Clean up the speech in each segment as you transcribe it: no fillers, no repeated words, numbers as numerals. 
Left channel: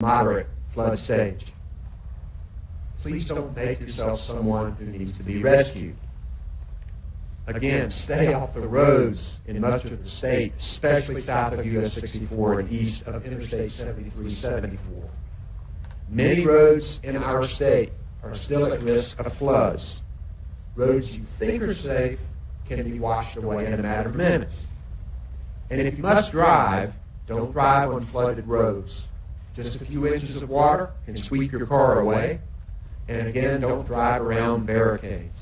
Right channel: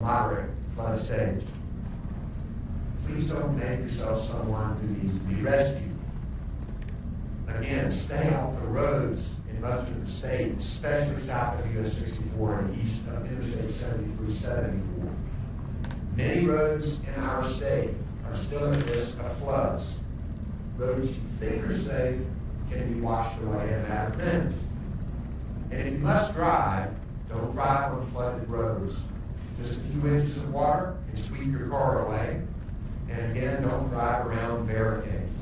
moderate flood stage. Please don't make yourself someone who needs to be rescued. Again, stay off the roads in much of the state, especially south of US 64 and east of Interstate 73-74. Many roads in our state are still at risk of floods. Roads you think are safe can be washed away in a matter of minutes. And if you must drive, don't drive on flooded roads. Just a few inches of water can sweep your car away. And again, don't drive around barricades.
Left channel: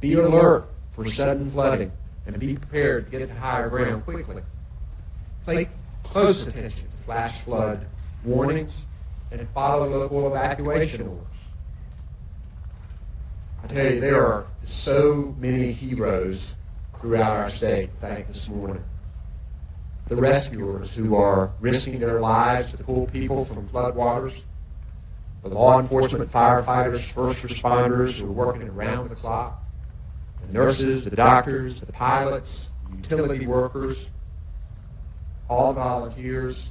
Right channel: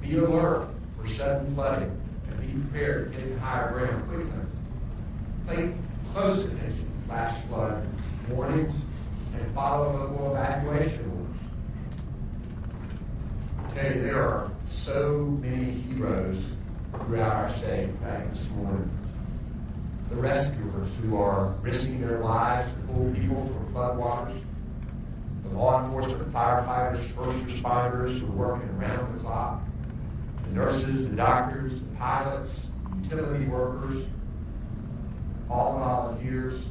Be alert for sudden flooding and be prepared to get to higher ground quickly. Pay close attention to flash flood warnings and follow local evacuation rules. I tell you, there are so many heroes throughout our state, thank this morning. The rescuers who are risking their lives to pull people from floodwaters, the law enforcement, firefighters, first responders who are working around the clock, the nurses, the doctors, the pilots, utility workers, all volunteers.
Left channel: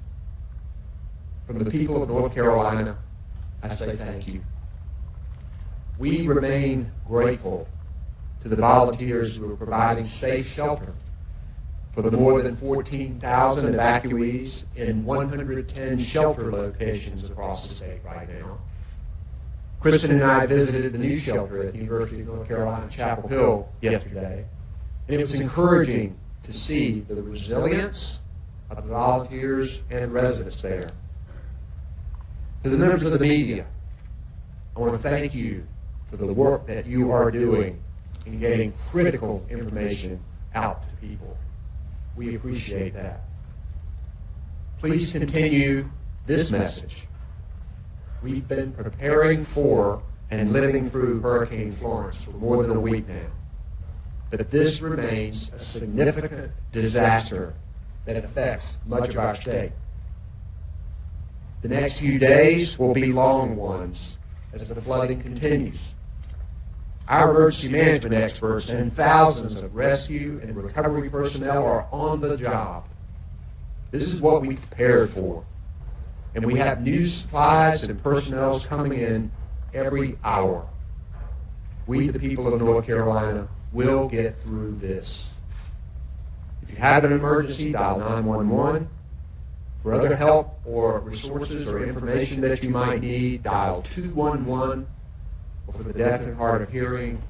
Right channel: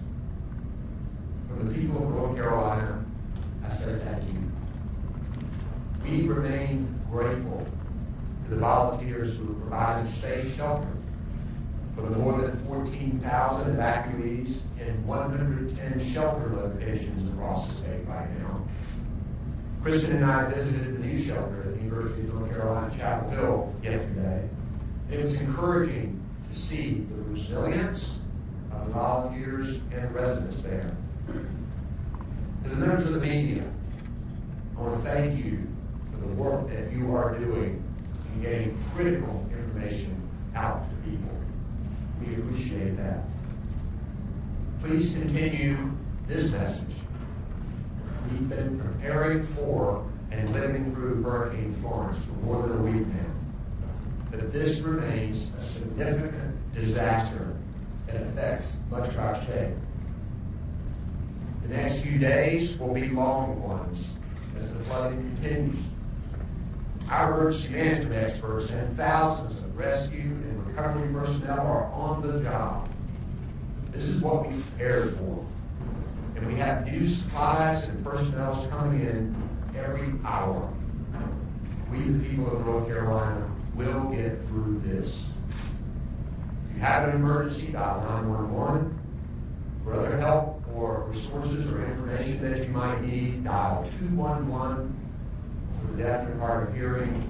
From the people of North Carolina, I say thank you. We remain grateful to the volunteers who are providing safe shelter for the more than 14,000 evacuees in 110 shelter locations across the state right now. Kristen and I visited the new shelter at the University of North Carolina, Chapel Hill, yesterday. And it was encouraging to see the resilience of the volunteers and residents there. To the members of the media, I want to thank you for the work that you are doing in getting critical information out to people. We appreciate that. Please continue this message. We've been preparing for and living through Hurricane Florence for more than a week now. But this remains a significant disaster that affects much of our state. The next few days will be long ones as the flooding continues. Our emergency management experts and thousands of rescue and recovery personnel are on the job. This is what we prepared for. And we have new supplies and personnel coming in every hour. We, the people of North Carolina, will get through this. If you have an emergency, dial 911. For other help or resources or information that you might need, dial 211. For the deaf and hard of hearing,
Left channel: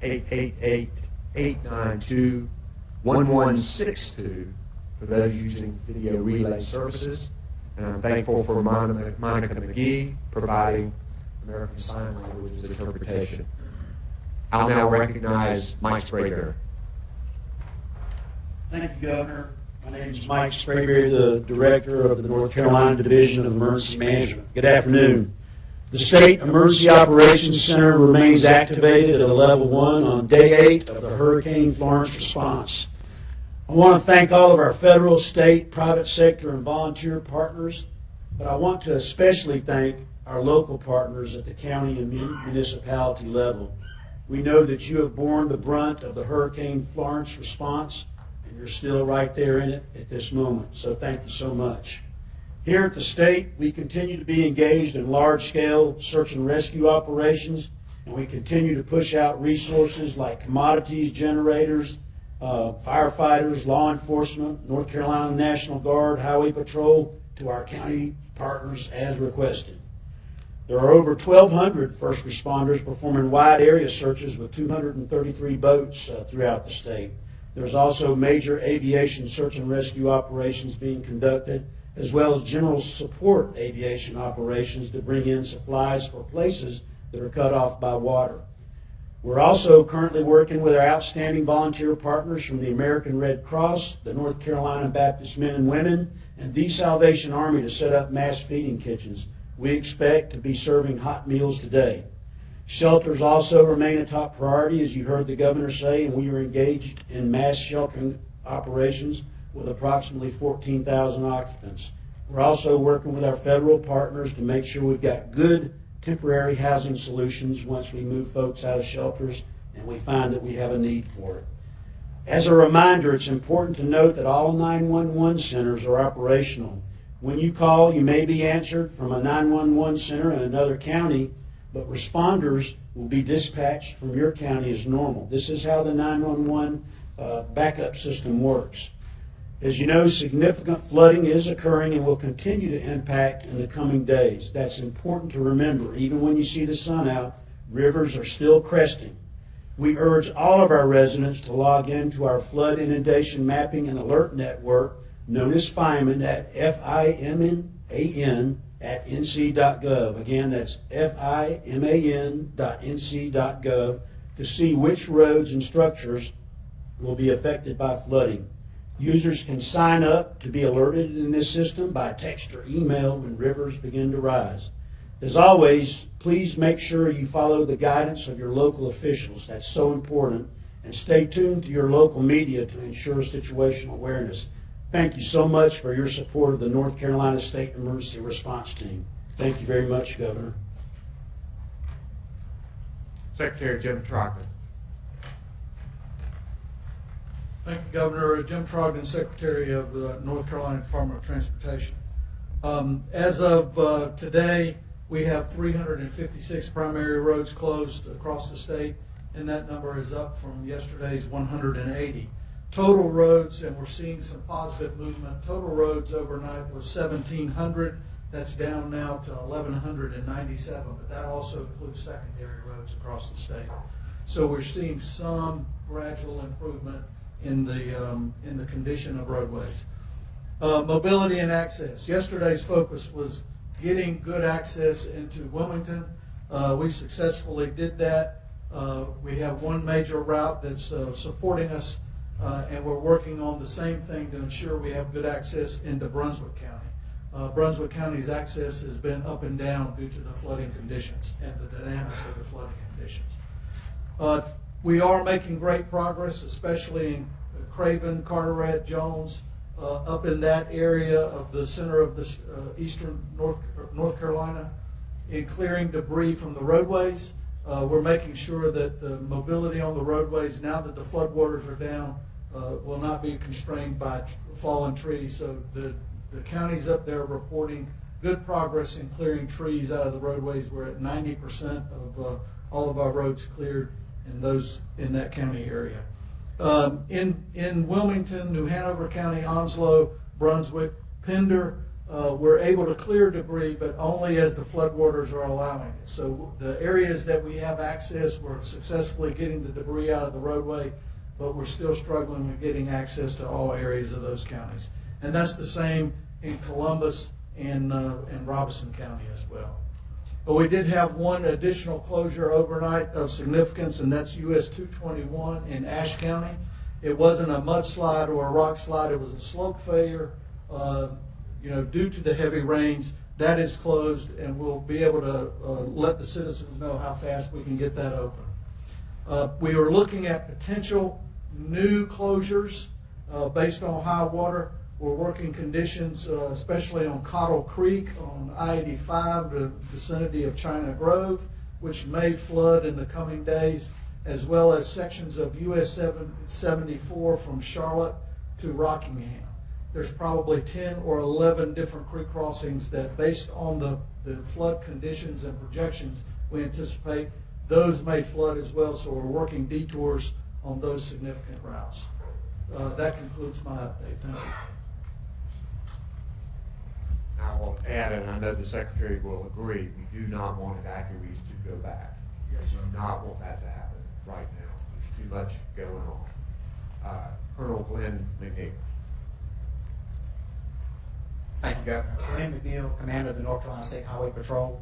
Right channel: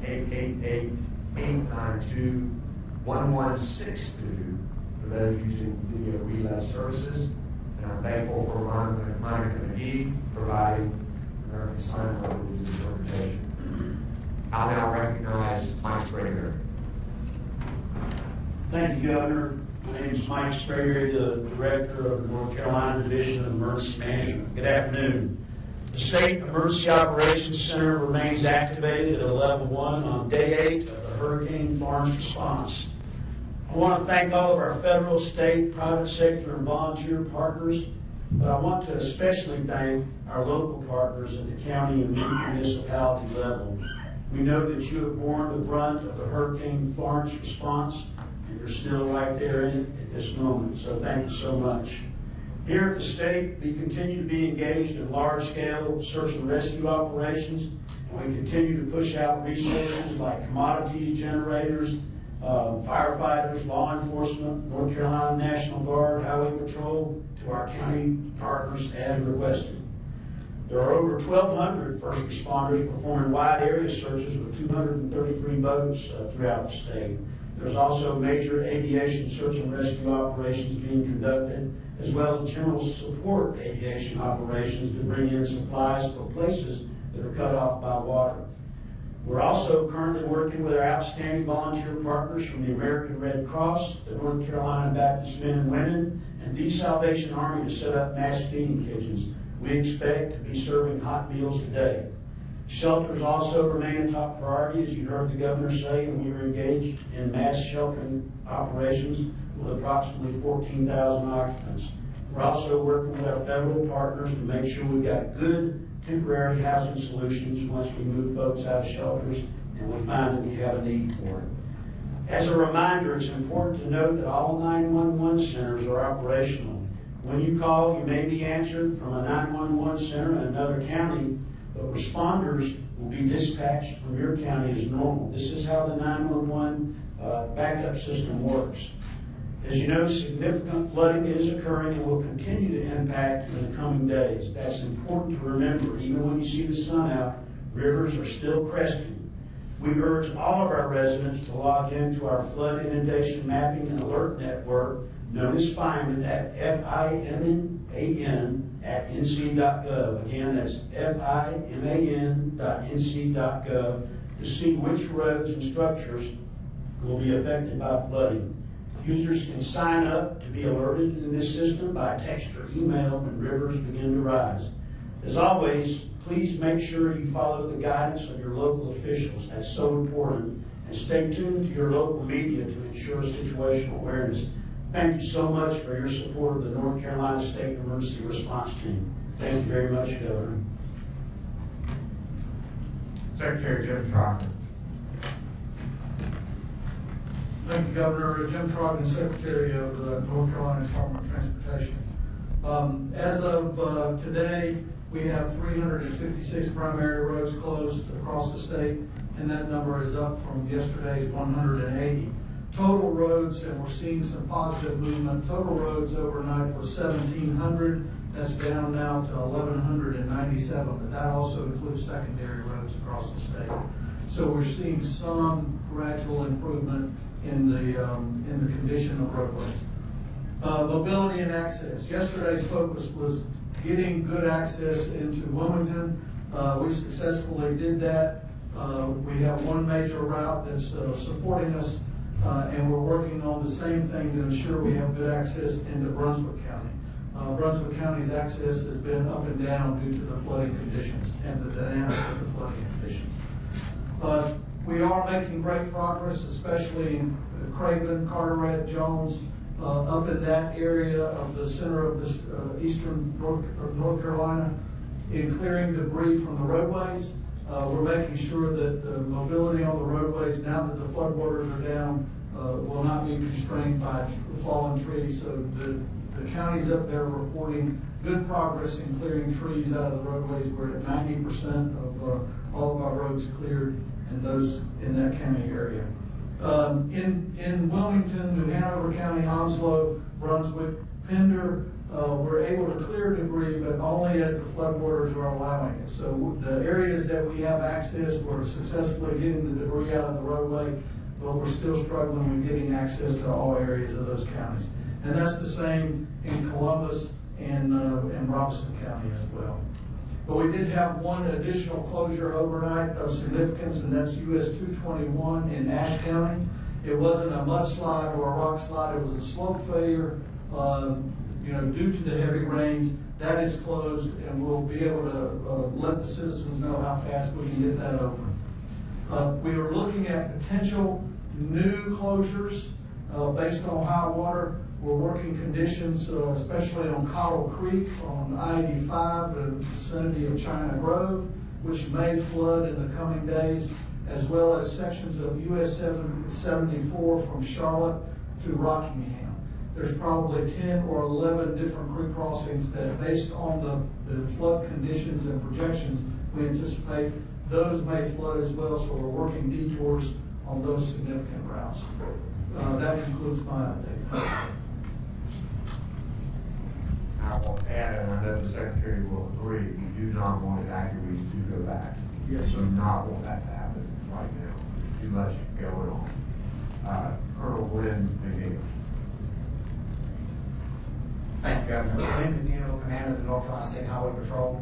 888-892-1162 for those using video relay services. And I'm thankful for Monica McGee providing American Sign Language interpretation. I'll now recognize Mike Sprague. Thank you, Governor. My name is Mike Sprague, the Director of the North Carolina Division of Emergency Management. Good afternoon. The State Emergency Operations Center remains activated at a level 1 on day 8 of the Hurricane Florence response. I want to thank all of our federal, state, private sector, and volunteer partners, but I want to especially thank our local partners at the county and municipality level. We know that you have borne the brunt of the Hurricane Florence response, and you're still right there in it at this moment, so thank you so much. Here at the state, we continue to be engaged in large-scale search and rescue operations, and we continue to push out resources like commodities, generators, firefighters, law enforcement, North Carolina National Guard, Highway Patrol, to our county partners as requested. There are over 1,200 first responders performing wide area searches with 233 boats throughout the state. There's also major aviation search and rescue operations being conducted, as well as general support aviation operations to bring in supplies for places that are cut off by water. We're also currently working with our outstanding volunteer partners from the American Red Cross, the North Carolina Baptist Men and Women, and the Salvation Army to set up mass feeding kitchens. We expect to be serving hot meals today. Shelters also remain a top priority, as you heard the governor say, and we are engaged in mass sheltering operations with approximately 14,000 occupants. We're also working with our federal partners to make sure we've got good temporary housing solutions once we move folks out of shelters and we find that we have a need for it. As a reminder, it's important to note that all 911 centers are operational. When you call, you may be answered from a 911 center in another county, but responders will be dispatched from your county as normal. This is how the 911 backup system works. As you know, significant flooding is occurring and will continue to impact in the coming days. That's important to remember. Even when you see the sun out, rivers are still cresting. We urge all of our residents to log into our flood inundation mapping and alert network, known as FIMAN, at FIMAN@nc.gov. Again, that's FIMAN.nc.gov to see which roads and structures will be affected by flooding. Users can sign up to be alerted in this system by text or email when rivers begin to rise. As always, please make sure you follow the guidance of your local officials. That's so important. And stay tuned to your local media to ensure situational awareness. Thank you so much for your support of the North Carolina State Emergency Response Team. Thank you very much, Governor. Secretary Jim Trockner. Thank you, Governor. Jim Trogdon, Secretary of the North Carolina Department of Transportation. As of today, we have 356 primary roads closed across the state, and that number is up from yesterday's 180. Total roads, and we're seeing some positive movement, total roads overnight was 1,700. That's down now to 1,197, but that also includes secondary roads across the state. So we're seeing some gradual improvement in the condition of roadways. Mobility and access. Yesterday's focus was getting good access into Wilmington. We successfully did that. We have one major route that's supporting us, and we're working on the same thing to ensure we have good access into Brunswick County. Brunswick County's access has been up and down due to the flooding conditions and the dynamics of the flooding conditions. We are making great progress, especially in Craven, Carteret, Jones, up in that area of the center of the eastern North Carolina, in clearing debris from the roadways. We're making sure that the mobility on the roadways, now that the floodwaters are down, will not be constrained by fallen trees. So the counties up there reporting good progress in clearing trees out of the roadways. We're at 90% of all of our roads cleared, and those in that county area. In Wilmington, New Hanover County, Onslow, Brunswick, Pender, we're able to clear debris, but only as the floodwaters are allowing it. So the areas that we have access, we're successfully getting the debris out of the roadway, but we're still struggling with getting access to all areas of those counties. And that's the same in Columbus and Robeson County as well. But we did have one additional closure overnight of significance, and that's US 221 in Ashe County. It wasn't a mudslide or a rock slide, it was a slope failure. Due to the heavy rains, that is closed, and we'll be able to let the citizens know how fast we can get that open. We are looking at potential new closures based on high water. We're working conditions, especially on Cottle Creek on I-85, the vicinity of China Grove, which may flood in the coming days, as well as sections of US 74 from Charlotte to Rockingham. There's probably 10 or 11 different creek crossings that, based on the flood conditions and projections, we anticipate those may flood as well, so we're working detours on those significant routes. That concludes my update. Thank you. I will add, and I know the Secretary will agree, we do not want evacuees to go back. Yes, So not want that to happen right now. There's too much going on. Colonel Glenn McNeil. Thank you, Governor. Glenn McNeil, Commander of the North Carolina State Highway Patrol.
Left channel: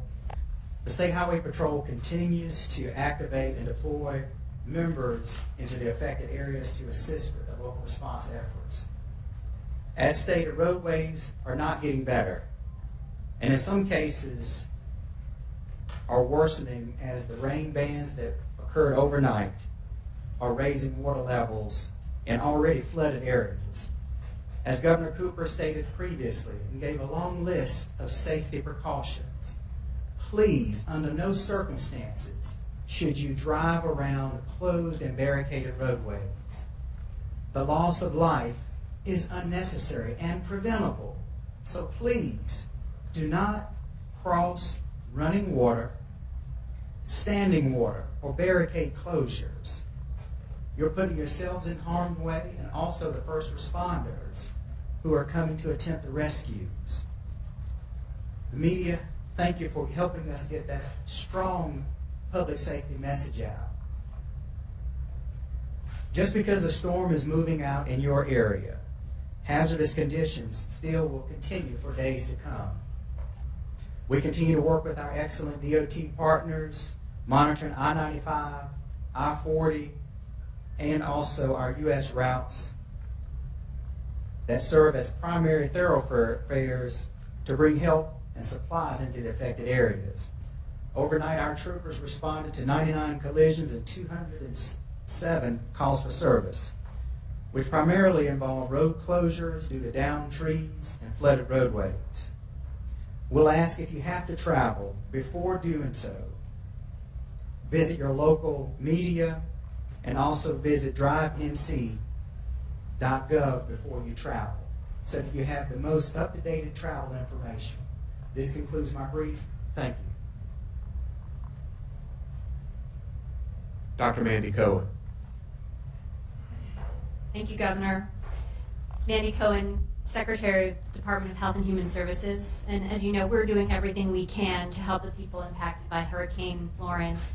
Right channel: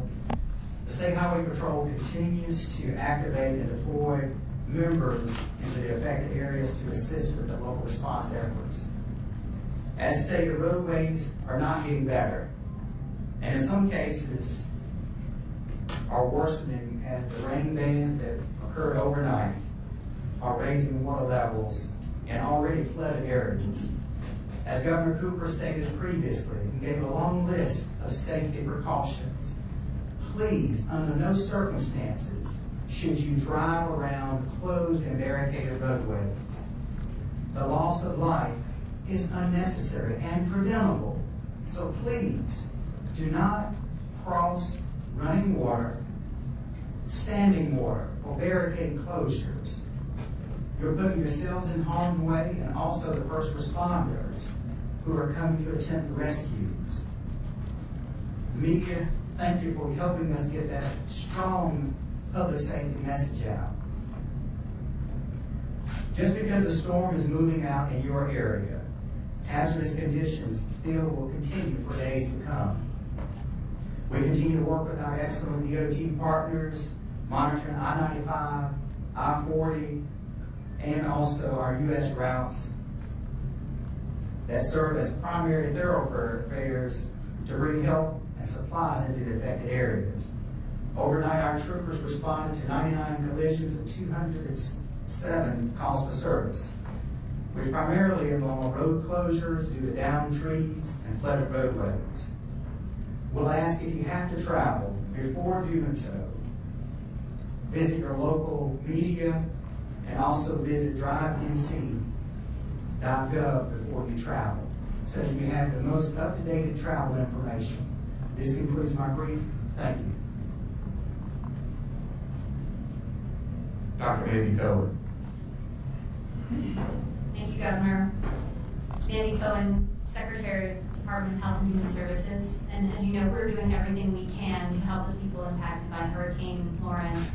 The State Highway Patrol continues to activate and deploy members into the affected areas to assist with the local response efforts. As stated, roadways are not getting better, and in some cases are worsening as the rain bands that occurred overnight are raising water levels in already flooded areas. As Governor Cooper stated previously, he gave a long list of safety precautions. Please, under no circumstances, should you drive around closed and barricaded roadways. The loss of life is unnecessary and preventable. So please, do not cross running water, standing water, or barricade closures. You're putting yourselves in harm's way and also the first responders who are coming to attempt the rescues. Media, thank you for helping us get that strong public safety message out. Just because the storm is moving out in your area, hazardous conditions still will continue for days to come. We continue to work with our excellent DOT partners, monitoring I-95, I-40, and also our U.S. routes that serve as primary thoroughfares to bring help and supplies into the affected areas. Overnight, our troopers responded to 99 collisions and 207 calls for service, which primarily involve road closures due to downed trees and flooded roadways. We'll ask if you have to travel, before doing so, visit your local media and also visit drivenc.gov before you travel, so that you have the most up-to-date travel information. This concludes my brief. Thank you. Dr. Mandy Cohen. Thank you, Governor. Mandy Cohen, Secretary of the Department of Health and Human Services. And as you know, we're doing everything we can to help the people impacted by Hurricane Florence.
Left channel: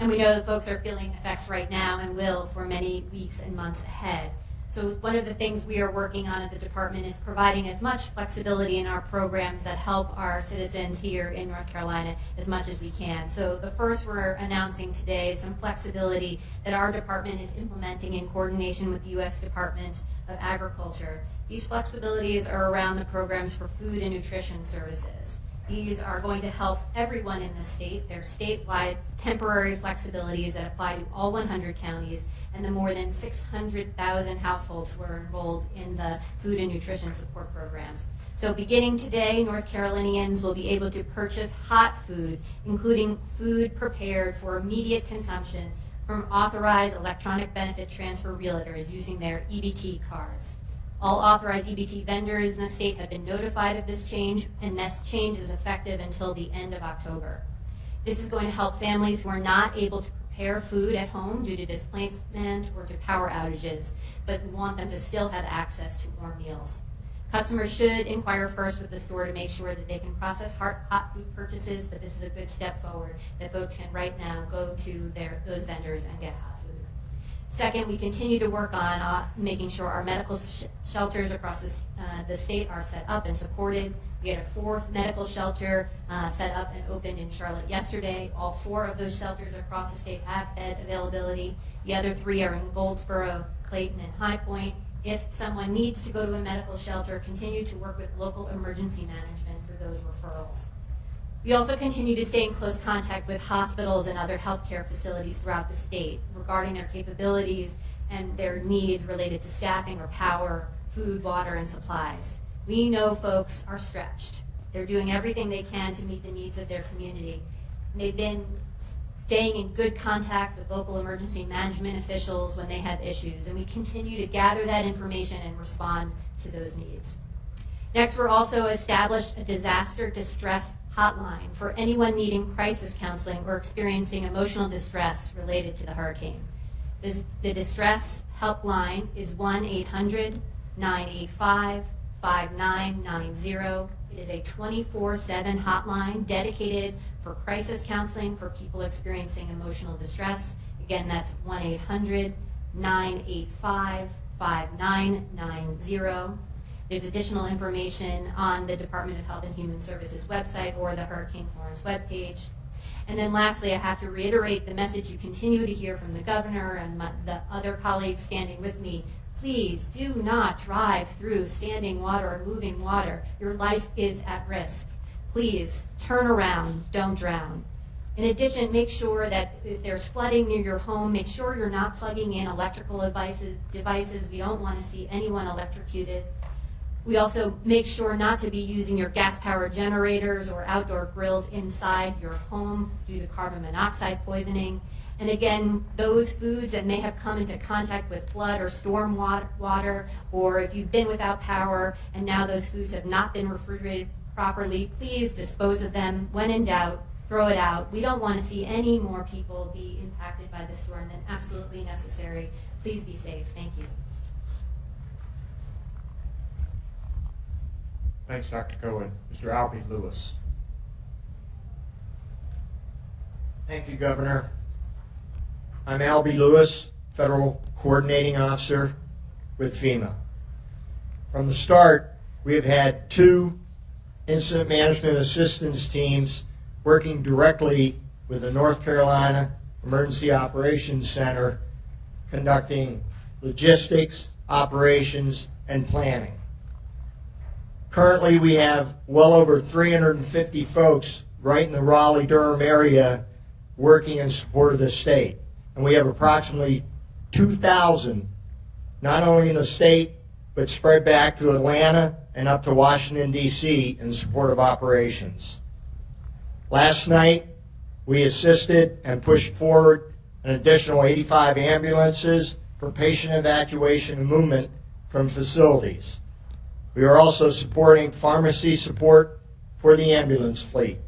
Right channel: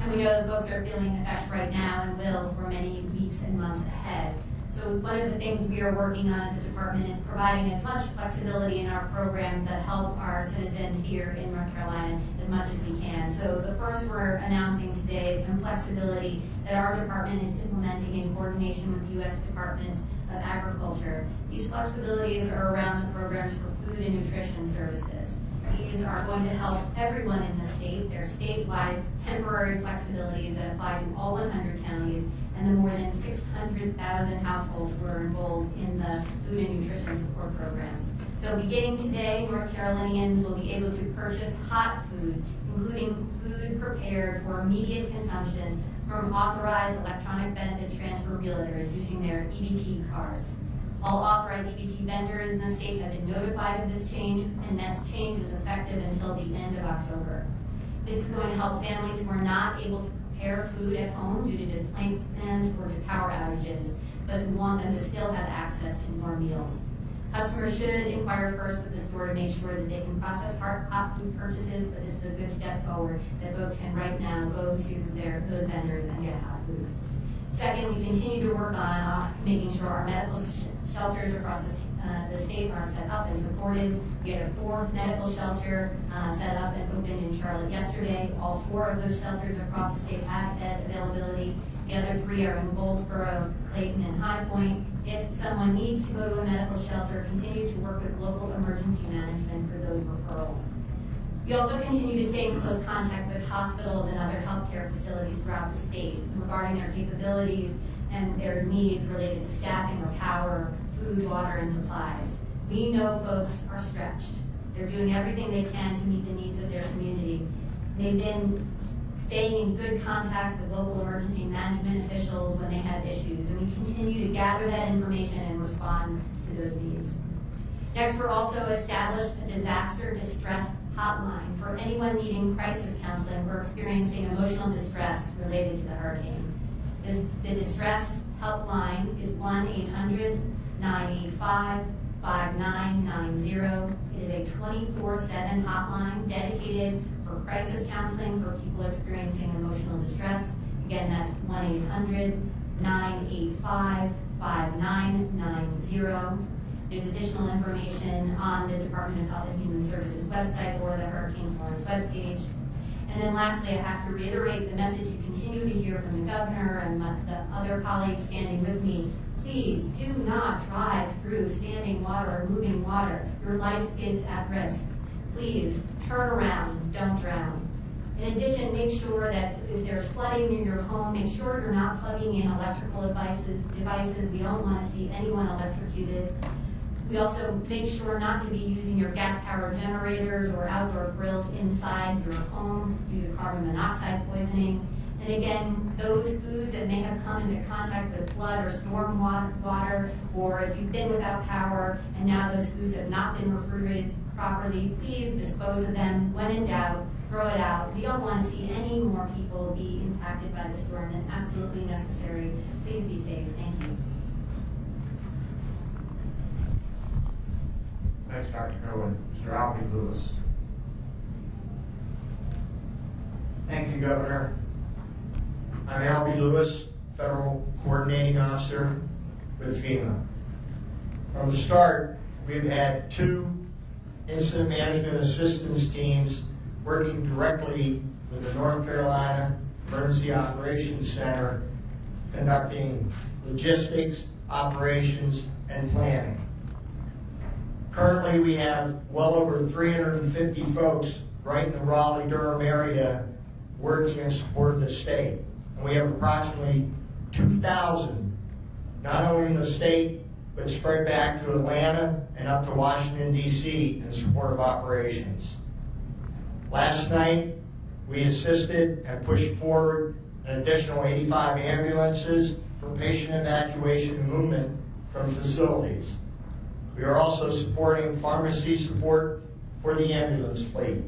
And we know that folks are feeling effects right now and will for many weeks and months ahead. So one of the things we are working on at the department is providing as much flexibility in our programs that help our citizens here in North Carolina as much as we can. So the first we're announcing today is some flexibility that our department is implementing in coordination with the U.S. Department of Agriculture. These flexibilities are around the programs for food and nutrition services. These are going to help everyone in the state. They're statewide temporary flexibilities that apply to all 100 counties and the more than 600,000 households who are enrolled in the food and nutrition support programs. So beginning today, North Carolinians will be able to purchase hot food, including food prepared for immediate consumption from authorized electronic benefit transfer realtors using their EBT cards. All authorized EBT vendors in the state have been notified of this change, and this change is effective until the end of October. This is going to help families who are not able to prepare food at home due to displacement or to power outages, but who want them to still have access to more meals. Customers should inquire first with the store to make sure that they can process hot food purchases, but this is a good step forward that folks can right now go to those vendors and get hot food. Second, we continue to work on making sure our medical shelters across the state are set up and supported. We had a 4th medical shelter set up and opened in Charlotte yesterday. All 4 of those shelters across the state have bed availability. The other 3 are in Goldsboro, Clayton, and High Point. If someone needs to go to a medical shelter, continue to work with local emergency management for those referrals. We also continue to stay in close contact with hospitals and other healthcare facilities throughout the state regarding their capabilities and their needs related to staffing or power, food, water, and supplies. We know folks are stretched. They're doing everything they can to meet the needs of their community. They've been staying in good contact with local emergency management officials when they have issues, and we continue to gather that information and respond to those needs. Next, we're also established a disaster distress hotline for anyone needing crisis counseling or experiencing emotional distress related to the hurricane. The distress helpline is 1-800-985-5990. It is a 24/7 hotline dedicated for crisis counseling for people experiencing emotional distress. Again, that's 1-800-985-5990. There's additional information on the Department of Health and Human Services website or the Hurricane Florence webpage. And then lastly, I have to reiterate the message you continue to hear from the governor and the other colleagues standing with me. Please do not drive through standing water or moving water. Your life is at risk. Please turn around, don't drown. In addition, make sure that if there's flooding near your home, make sure you're not plugging in electrical devices. We don't want to see anyone electrocuted. We also make sure not to be using your gas-powered generators or outdoor grills inside your home due to carbon monoxide poisoning. And again, those foods that may have come into contact with flood or storm water, or if you've been without power and now those foods have not been refrigerated properly, please dispose of them. When in doubt, throw it out. We don't want to see any more people be impacted by this storm than absolutely necessary. Please be safe. Thank you. Thanks, Dr. Cohen. Mr. Albie Lewis. Thank you, Governor. I'm Albie Lewis, Federal Coordinating Officer with FEMA. From the start, we have had 2 incident management assistance teams working directly with the North Carolina Emergency Operations Center, conducting logistics, operations, and planning. Currently, we have well over 350 folks right in the Raleigh-Durham area working in support of the state. And we have approximately 2,000, not only in the state, but spread back to Atlanta and up to Washington, D.C. in support of operations. Last night, we assisted and pushed forward an additional 85 ambulances for patient evacuation and movement from facilities. We are also supporting pharmacy support for the ambulance fleet.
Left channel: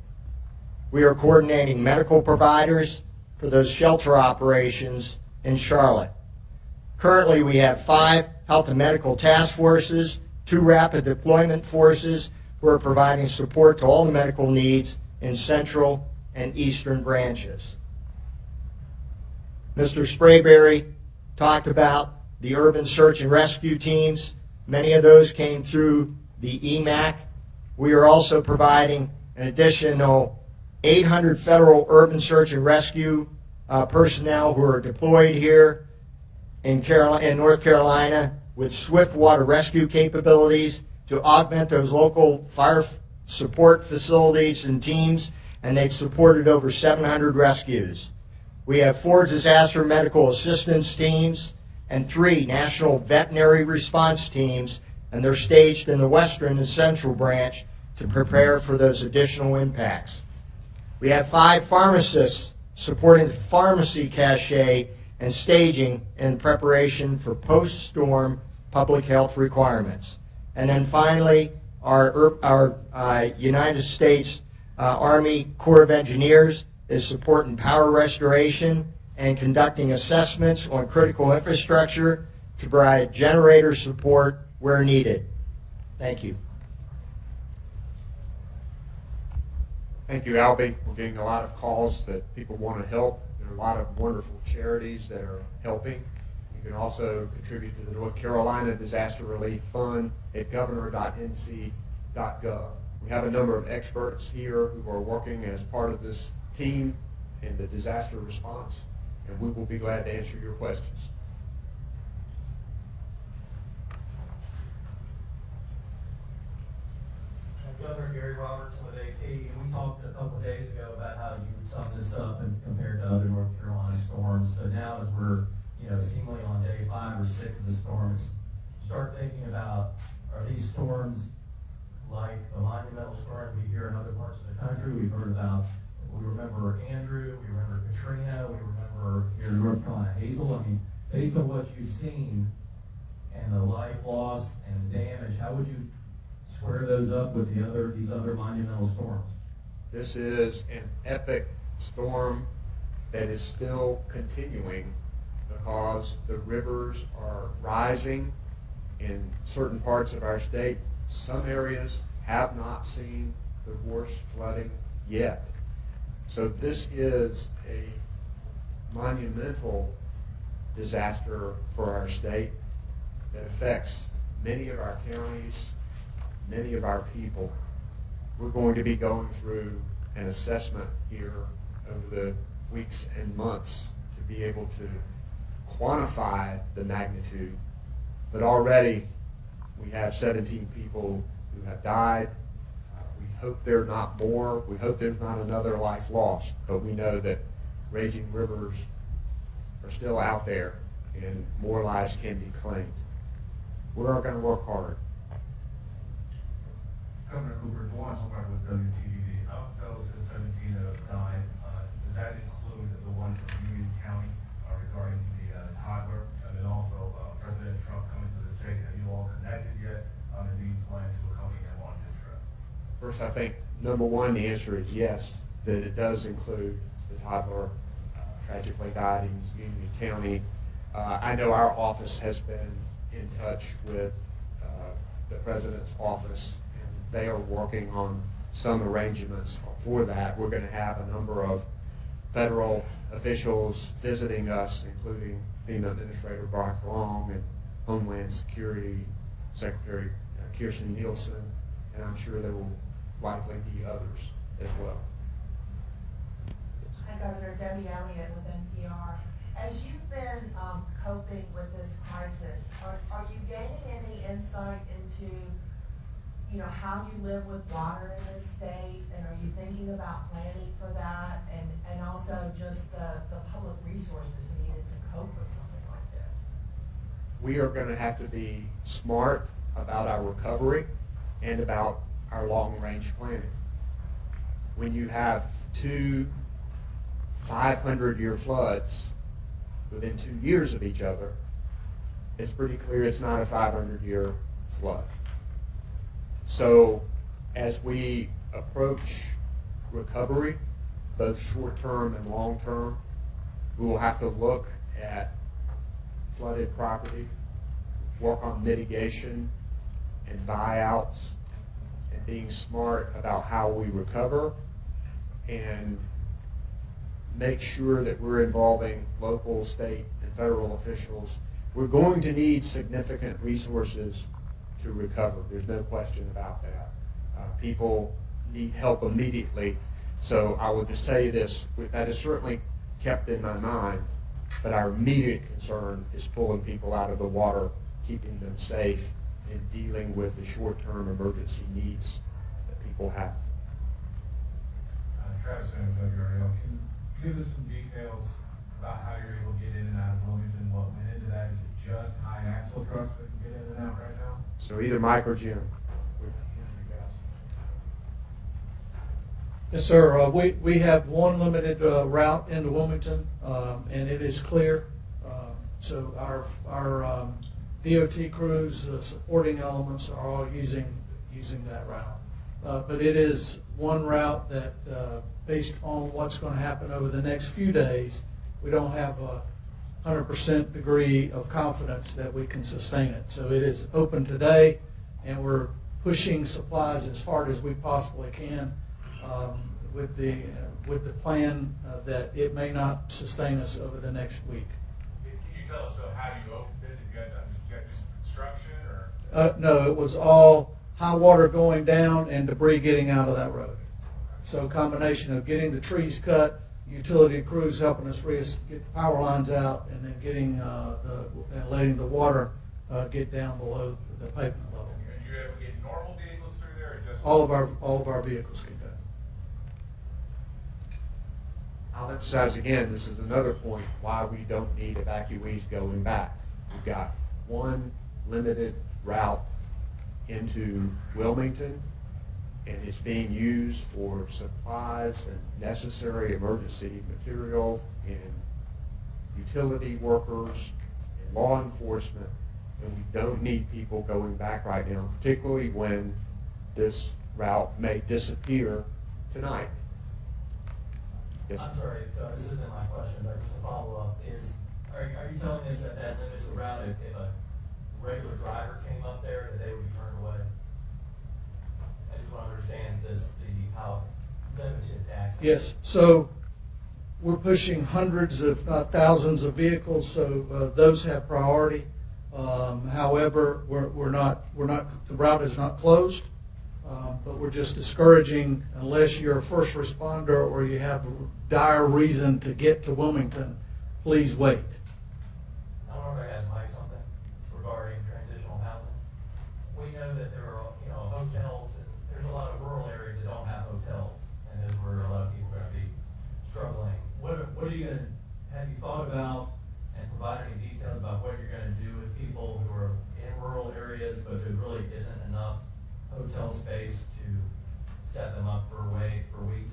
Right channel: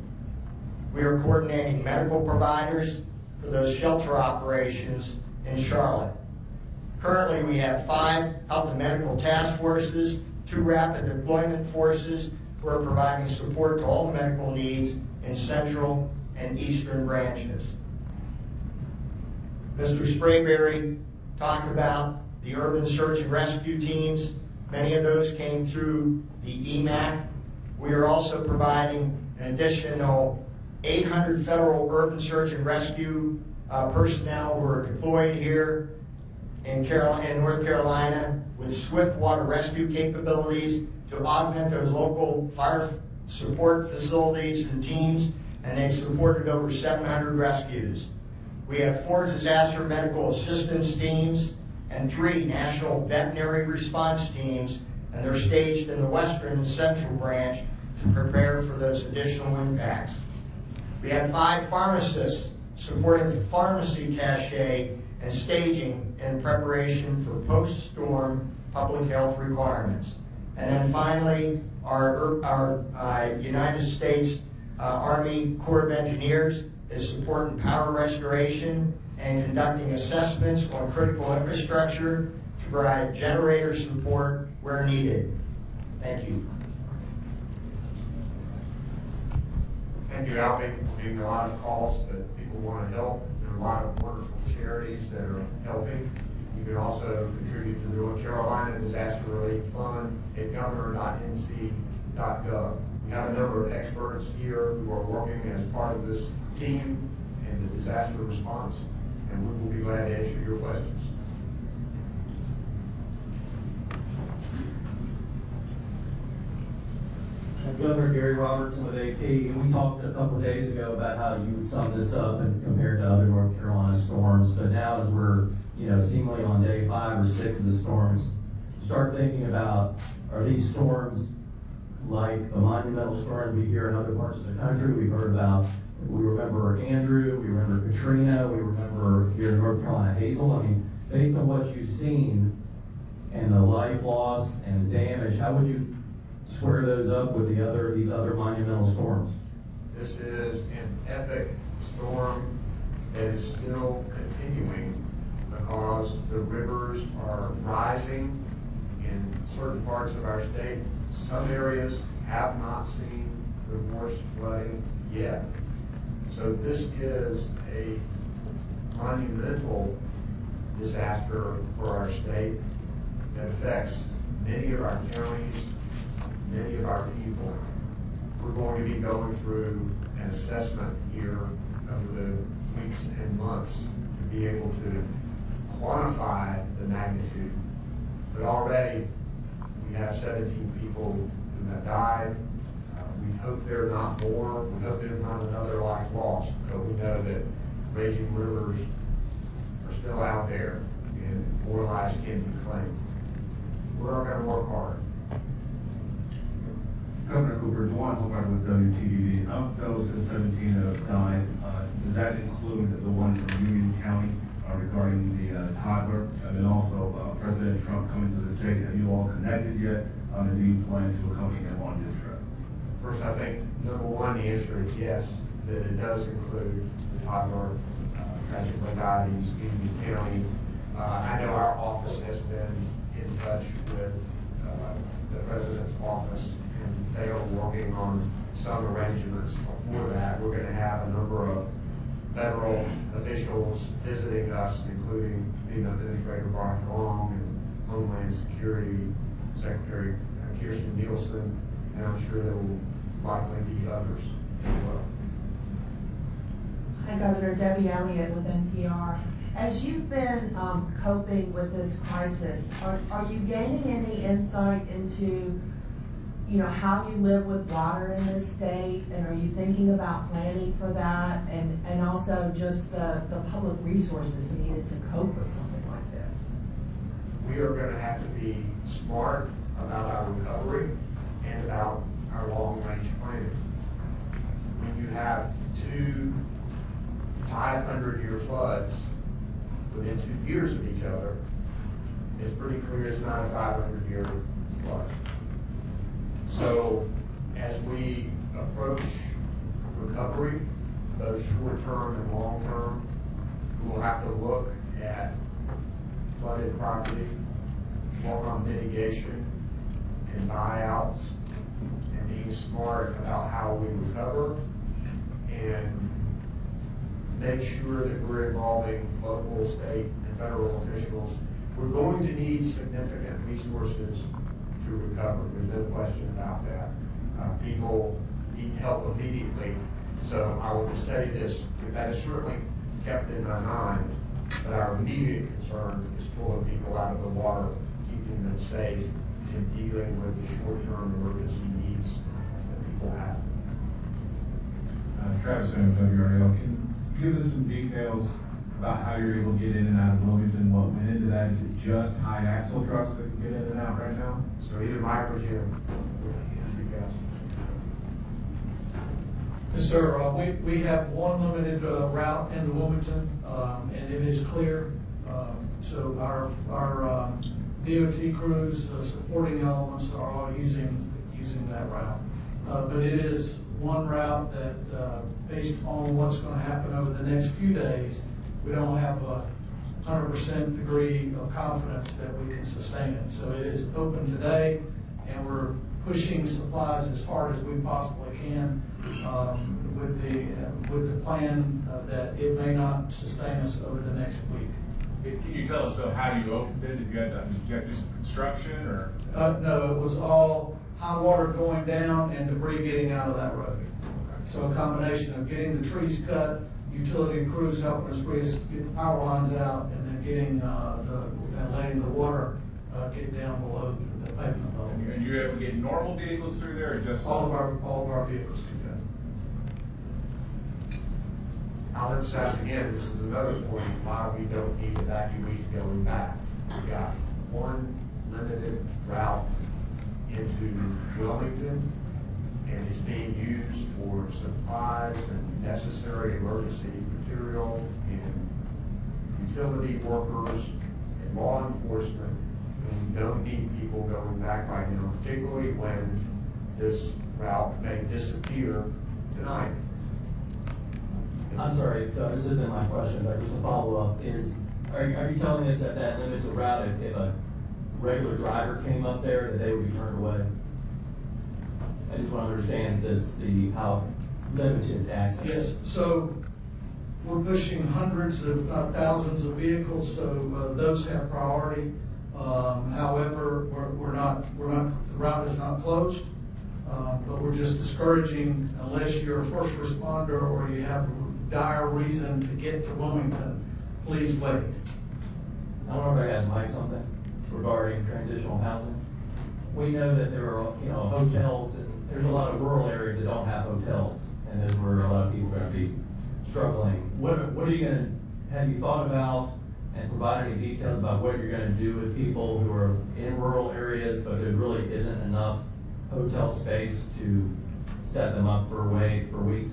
We are coordinating medical providers for those shelter operations in Charlotte. Currently, we have 5 health and medical task forces, 2 rapid deployment forces who are providing support to all the medical needs in central and eastern branches. Mr. Sprayberry talked about the urban search and rescue teams. Many of those came through the EMAC. We are also providing an additional 800 federal urban search and rescue personnel who are deployed here in North Carolina with swift water rescue capabilities to augment those local fire support facilities and teams, and they've supported over 700 rescues. We have 4 disaster medical assistance teams and 3 national veterinary response teams, and they're staged in the western and central branch to prepare for those additional impacts. We have 5 pharmacists supporting the pharmacy cache and staging in preparation for post-storm public health requirements. And then finally, our United States Army Corps of Engineers is supporting power restoration and conducting assessments on critical infrastructure to provide generator support where needed. Thank you. Thank you, Albie. We're getting a lot of calls that people want to help. There are a lot of wonderful charities that are helping. You can also contribute to the North Carolina Disaster Relief Fund at governor.nc.gov. We have a number of experts here who are working as part of this team in the disaster response, and we will be glad to answer your questions. Governor Gary Robertson with AP, and we talked a couple of days ago about how you would sum this up and compared to other North Carolina storms. But now, as we're seemingly on day 5 or 6 of the storms, start thinking about, are these storms like the monumental storms we hear in other parts of the country? We've heard about. We remember Andrew. We remember Katrina. We remember here in North Carolina Hazel. I mean, based on what you've seen and the life loss and the damage, how would you square those up with these other monumental storms? This is an epic storm that is still continuing because the rivers are rising in certain parts of our state. Some areas have not seen the worst flooding yet. So this is a monumental disaster for our state that affects many of our counties, many of our people. We're going to be going through an assessment here over the weeks and months to be able to quantify the magnitude. But already we have 17 people who have died. We hope there are not more. We hope there's not another life lost. But we know that raging rivers are still out there and more lives can be claimed. We're going to work hard. Governor Cooper, Juan Hobart with WTDD. Of those 17 that have died, does that include the one from Union County? toddler, and then also President Trump coming to the state. Have you all connected yet? And do you plan to accompany him on this trip? First, I think, number one, the answer is yes, that it does include the toddler tragically died in Union County. I know our office has been in touch with the president's office, and they are working on some arrangements for that. We're going to have a number of federal officials visiting us, including FEMA Administrator Brock Long and Homeland Security Secretary Kirstjen Nielsen, and I'm sure there will likely be others as well. Hi, Governor. Debbie Elliott with NPR. As you've been coping with this crisis, are you gaining any insight into, how you live with water in this state, and are you thinking about planning for that, and also just the public resources needed to cope with something like this? We are going to have to be smart about our recovery and about our long-range planning. When you have two 500-year floods within 2 years of each other, it's pretty clear it's not a 500-year flood. So as we approach recovery, both short-term and long-term, we will have to look at flooded property, work on mitigation and buyouts, and being smart about how we recover, and make sure that we're involving local, state, and federal officials. We're going to need significant resources to recover. There's no question about that. People need help immediately. So I will just say this, that is certainly kept in my mind, but our immediate concern is pulling people out of the water, keeping them safe, and dealing with the short-term emergency needs that people have. Travis from WRL, can you give us some details about how you're able to get in and out of Wilmington? What went into that? Is it just high axle trucks that can get in and out right now? So either Mike or Jim. Yes, sir. We have one limited route into Wilmington, and it is clear. So our DOT crews, supporting elements are all using that route. But it is one route that, based on what's going to happen over the next few days, we don't have a 100% degree of confidence that we can sustain it. So it is open today, and we're pushing supplies as hard as we possibly can, with the plan that it may not sustain us over the next week. Can you tell us, so how you opened it? Did you have to do some construction, or? No, it was all high water going down and debris getting out of that road. So a combination of getting the trees cut, utility crews helping us get the power lines out, and then getting and letting the water get down below the pavement level. And you're able to get normal vehicles through there, or just? All of our vehicles can do that. I'll emphasize again, this is another point why we don't need evacuees going back. We've got one limited route into Wilmington, and it's being used for supplies and necessary emergency material and utility workers and law enforcement. And we don't need people going back right now, particularly when this route may disappear tonight. I'm sorry, this isn't my question, but just a follow-up is, are you telling us that limits the route if a regular driver came up there, that they would be turned away? I just want to understand how limited access. Yes, so we're pushing hundreds, if not thousands, of vehicles, so those have priority. However, the route is not closed, but we're just discouraging, unless you're a first responder or you have dire reason to get to Wilmington, please wait. I don't know if I asked Mike something regarding transitional housing. We know that there are, hotels, and there's a lot of rural areas that don't have hotels, and there's where a lot of people are going to be struggling. What are you going to, have you thought about and provide any details about what you're going to do with people who are in rural areas, but there really isn't enough hotel space to set them up for weeks?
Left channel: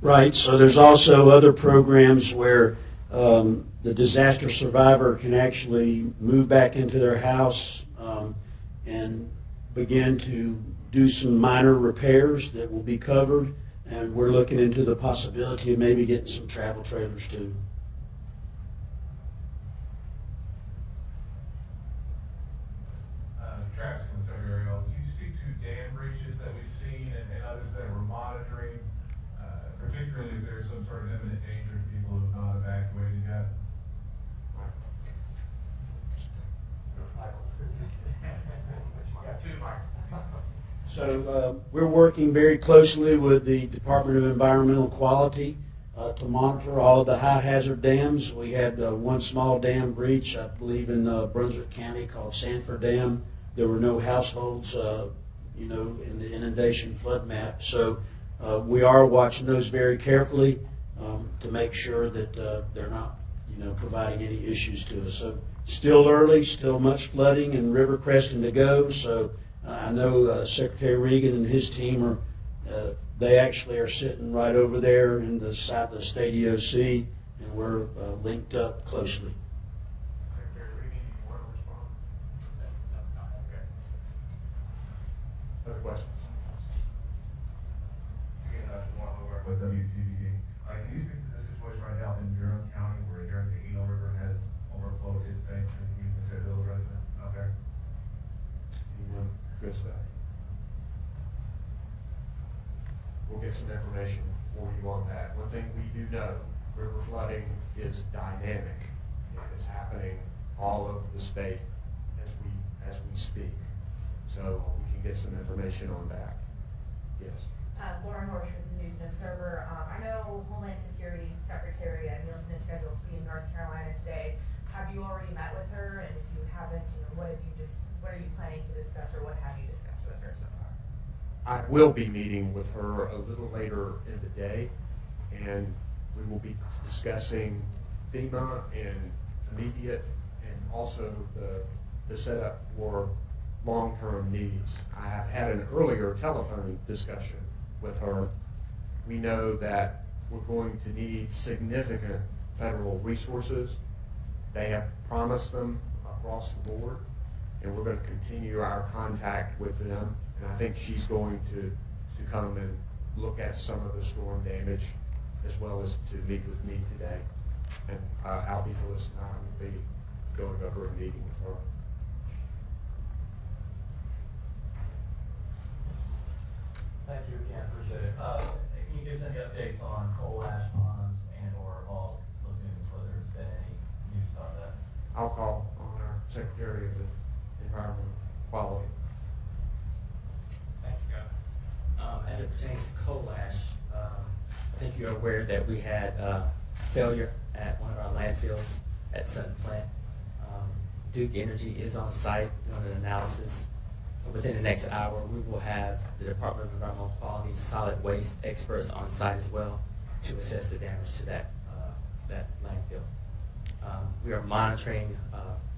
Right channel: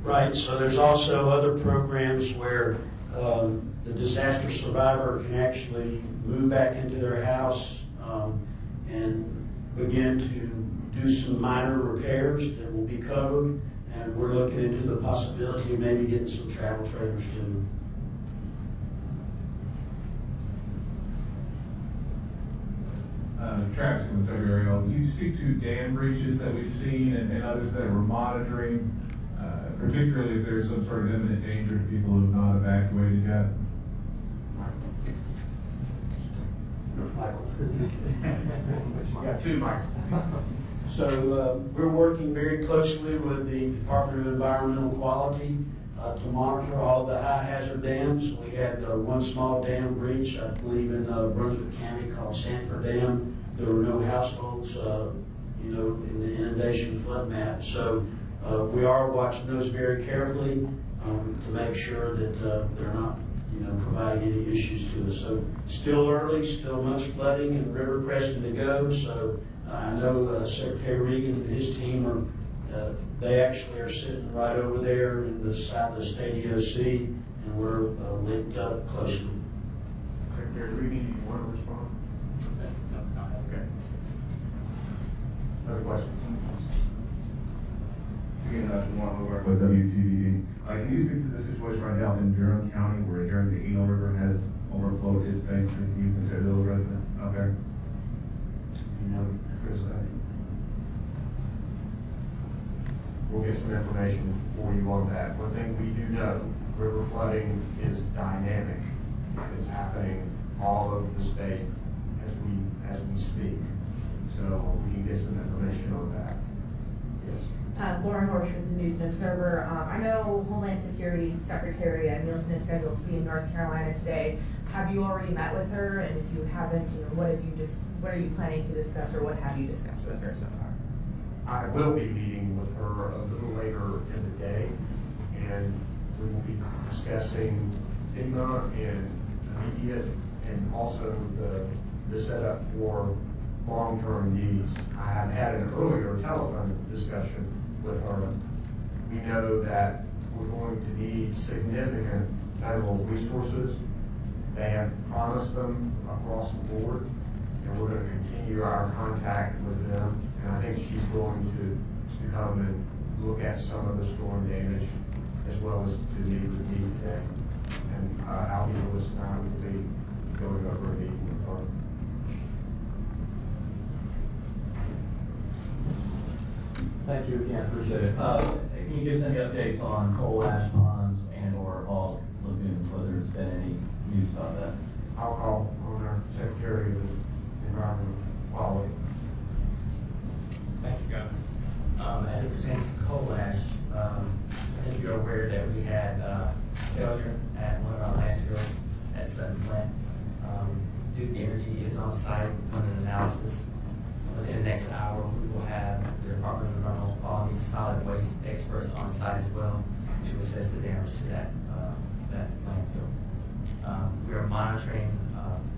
Right, so there's also other programs where the disaster survivor can actually move back into their house and begin to do some minor repairs that will be covered. And we're looking into the possibility of maybe getting some travel trailers too. Travis in February, can you speak to dam breaches that we've seen and others that we're monitoring, particularly if there's some sort of imminent danger to people who have not evacuated yet? You got two, Mike. So we're working very closely with the Department of Environmental Quality to monitor all of the high hazard dams. We had one small dam breach, I believe, in Brunswick County called Sanford Dam. There were no households, in the inundation flood map. So we are watching those very carefully to make sure that they're not, providing any issues to us. So still early, still much flooding and river cresting to go. So I know Secretary Regan and his team they actually are sitting right over there in the side of the state EOC, and we're linked up closely. Secretary Regan, do you want to respond? Okay. Other questions? Again, Juan Hobart with WTVD. Can you speak to the situation right now in Durham County where hearing the Eno River has overflowed its banks? Can you consider those residents out there? You want to address that? We'll get some information for you on that. One thing we do know, river flooding is dynamic. It's happening all over the state as we speak. So we can get some information on that. Yes. Lauren Horsch with the News and Observer. I know Homeland Security Secretary Nielsen is scheduled to be in North Carolina today. Have you already met with her? And if you haven't, what are you planning to discuss, or what have you discussed with her so far? I will be meeting with her a little later in the day, and we will be discussing FEMA and immediate and also the setup for long-term needs. I had an earlier telephone discussion with her. We know that we're going to need significant federal resources. They have promised them across the board, and we're going to continue our contact with them. And I think she's going to come and look at some of the storm damage as well as to meet with me today. And Albie Lewis and I will be going over a meeting with her. Thank you again, appreciate it. Can you give us any updates on coal ash ponds and or all lagoons, whether there's been any news about that? I'll call on our Secretary of Environmental Quality. Thank you, Governor. As it pertains to coal ash, I think you're aware that we had failure at one of our landfills at Sept plant. Duke Energy is on site doing an analysis. Within the next hour, we will have the Department of Environmental Quality solid waste experts on site as well to assess the damage to that landfill. We are monitoring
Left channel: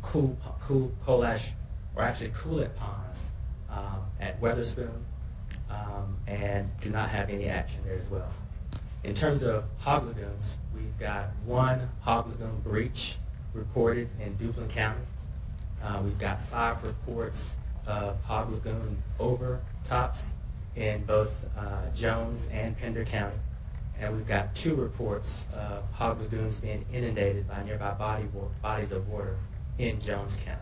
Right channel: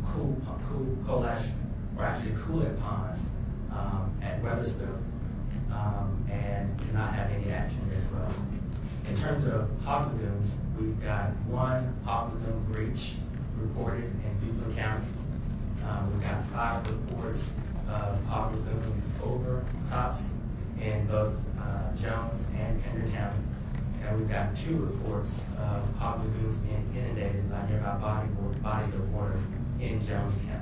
coal ash, or actually coolant ponds at Weathersfield, and do not have any action there as well. In terms of hog lagoons, we've got one hog lagoon breach reported in Duplin County. We've got 5 reports of hog lagoon overtops in both Jones and Pender County. And we've got 2 reports of hog lagoons being inundated by nearby bodies of water in Jones County.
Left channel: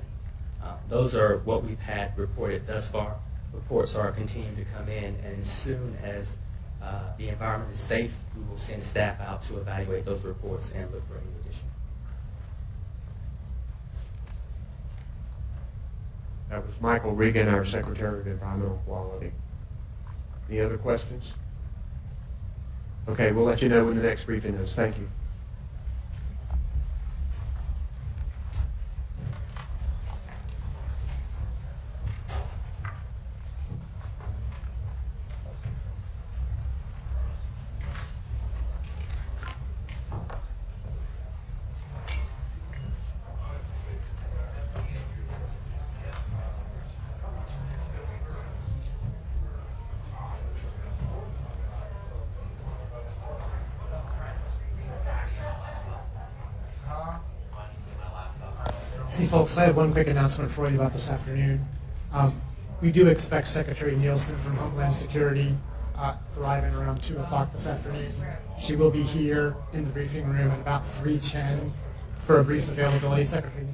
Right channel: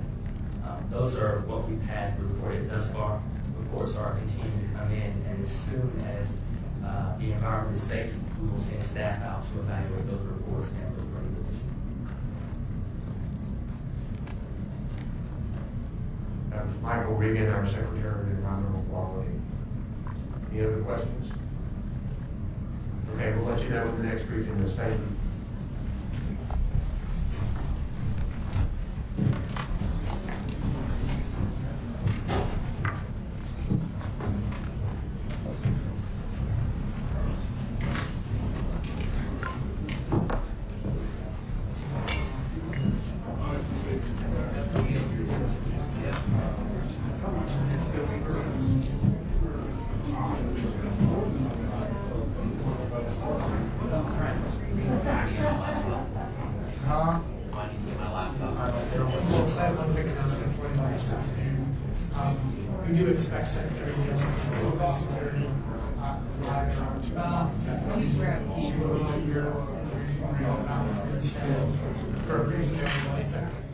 Those are what we've had reported thus far. Reports are continuing to come in, and as soon as the environment is safe, we will send staff out to evaluate those reports and look for any additional. That was Michael Regan, our Secretary of Environmental Quality. Any other questions? Okay, we'll let you know when the next briefing is. Thank you. folks, I have one quick announcement for you about this afternoon. We do expect Secretary Nielsen from Homeland Security arriving around 2 o'clock this afternoon. She will be here in the briefing room at about 3:10 for a brief availability. Secretary